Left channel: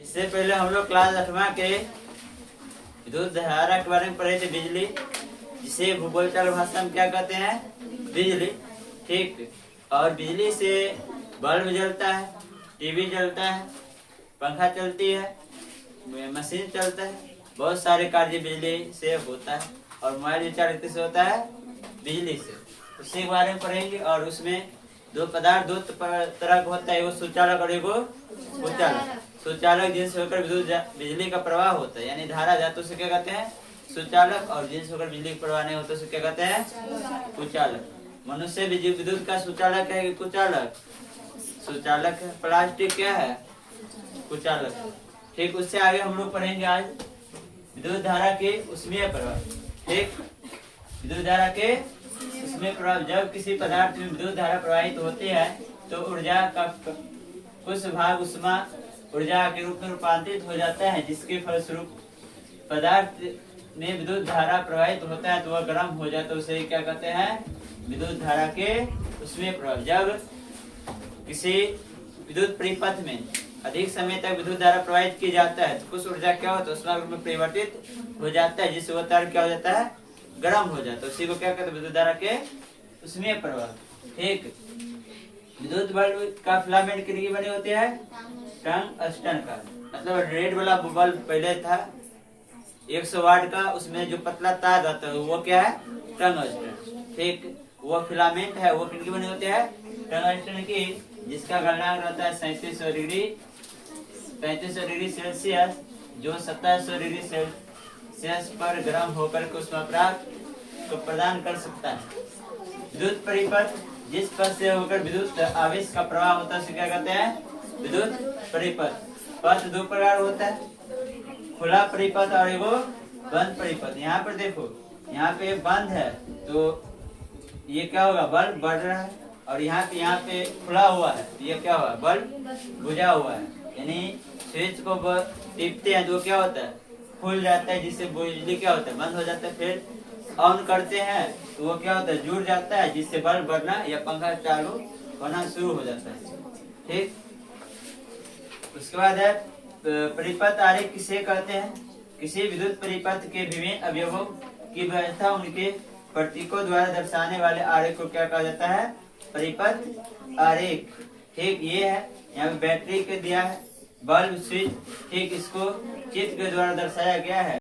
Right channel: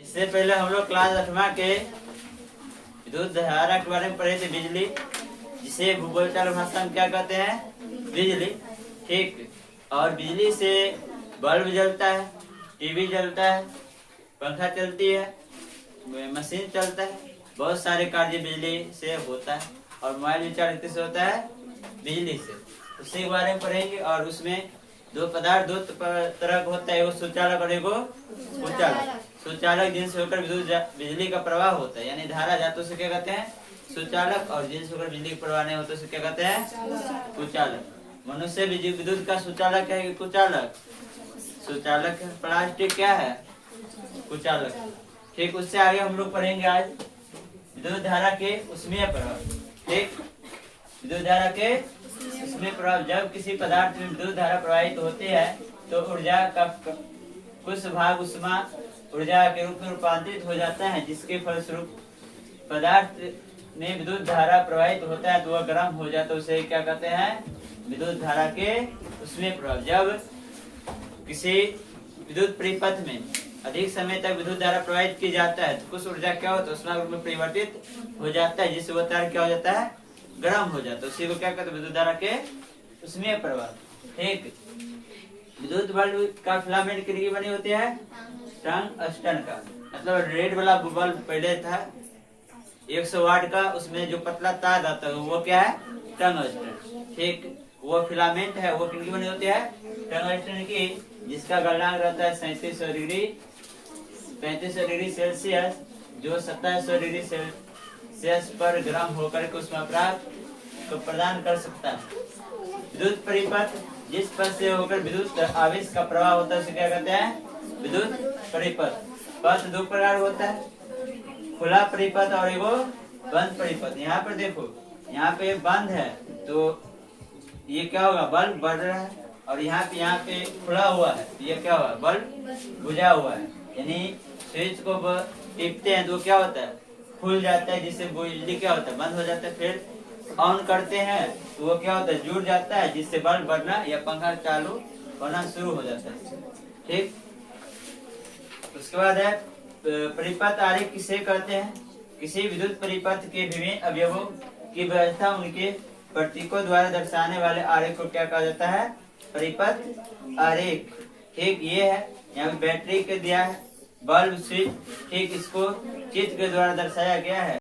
इससे पहले हम लोग क्लास 8वां के विद्युत धारा के बारे में पढ़े थे, बिजली, जिसे भूगोलचाल भाषा में क्या कहते हैं, बिजली। ठीक। और बिजली से बल्ब जलता है, टीवी जलता है, पंखा चलती है, मशीन चलता है, बहुत सारे कार्य बिजली से होता है। और मोबाइल भी चार्ज किससे होता है, बिजली से। उसी के बारे में पढ़ेंगे। और उसमें दो पदार्थ दो तरह का होता है, एगो सुचालक और एगो कुचालक। सुचालक जिनसे होकर बिजली का प्रवाह होता है, यानी धारा जाते उसे क्या कहते हैं, सुचालक। और जिनसे होकर बिजली का प्रवाह नहीं होता उसे क्या कहते हैं, कुचालक। मनुष्य विद्युत का सुचालक है कि कुचालक, सुचालक है। प्लास्टिक क्या है, कुचालक। ठीक। उससे आगे हम लोग पढ़ेंगे आज विद्युत धारा के उसमें प्रभाव। ठीक। विद्युत धारा के उसमें प्रभाव। जब किसी पदार्थ में विद्युत धारा प्रवाहित होती है तो ऊर्जा का कुछ भाग उष्मा ऊर्जा के रूप में रूपांतरित हो जाता है, जिसके फलस्वरूप पदार्थ में विद्युत धारा प्रवाहित होता है तो वह गर्म हो जाता है। उसे क्या कहते हैं, विद्युत धारा के उसमें प्रभाव। जब किसी विद्युत परिपथ में अधिक समय तक विद्युत धारा प्रवाहित की जाता है तो कुछ ऊर्जा क्या होता है, उष्मा रूप में परिवर्तित हो जाता है, जिससे वह तार क्या हो जाता है, गर्म हो जाता है। उसी को क्या कहते हैं, विद्युत धारा के उसमें प्रभाव। ठीक। विद्युत बल्ब का फिलामेंट कितने की बनी होती है, टंगस्टन का। मतलब रेड वाला बल्ब पहले था 100 वाट का, उसमें जो पतला तार रहता है वो क्या है, टंगस्टन। ठीक। वो फिलामेंट है वो किनकी बनी होती है, टंगस्टन की, जिसका गलनांक रहता है 3700 डिग्री सेल्सियस, जो 2700 डिग्री सेल्सियस पर गर्म होकर के उष्मा को प्रदान कर सकता है। विद्युत परिपथ जिस पथ से होकर विद्युत आवेश का प्रवाह होता है उसे क्या कहते हैं, विद्युत परिपथ। पथ दो प्रकार होता है, खुला परिपथ और एगो बंद परिपथ। यहाँ पर देखो, यहाँ पे बंद है तो ये क्या होगा, बल्ब बढ़ रहा है। और यहाँ पे खुला हुआ है तो ये क्या हुआ, बल्ब बुझा हुआ है। यानी स्विच को टिपते हैं तो क्या होता है, खुल जाता है, जिससे बिजली क्या होता है, बंद हो जाता है। फिर ऑन करते हैं तो वो क्या होता है, जुड़ जाता है, जिससे बल्ब बढ़ना या पंखा चालू होना शुरू हो जाता है। ठीक। उसके बाद है परिपथ आरेख किसे कहते हैं, किसी विद्युत परिपथ के विभिन्न अवयवों की व्यवस्था उनके प्रतीकों द्वारा दर्शाने वाले आरेख को क्या कहा जाता है, परिपथ आरेख। ठीक। ये है, यहाँ बैटरी के दिया है, बल्ब, स्विच। ठीक। इसको चित्र के द्वारा दर्शाया गया है।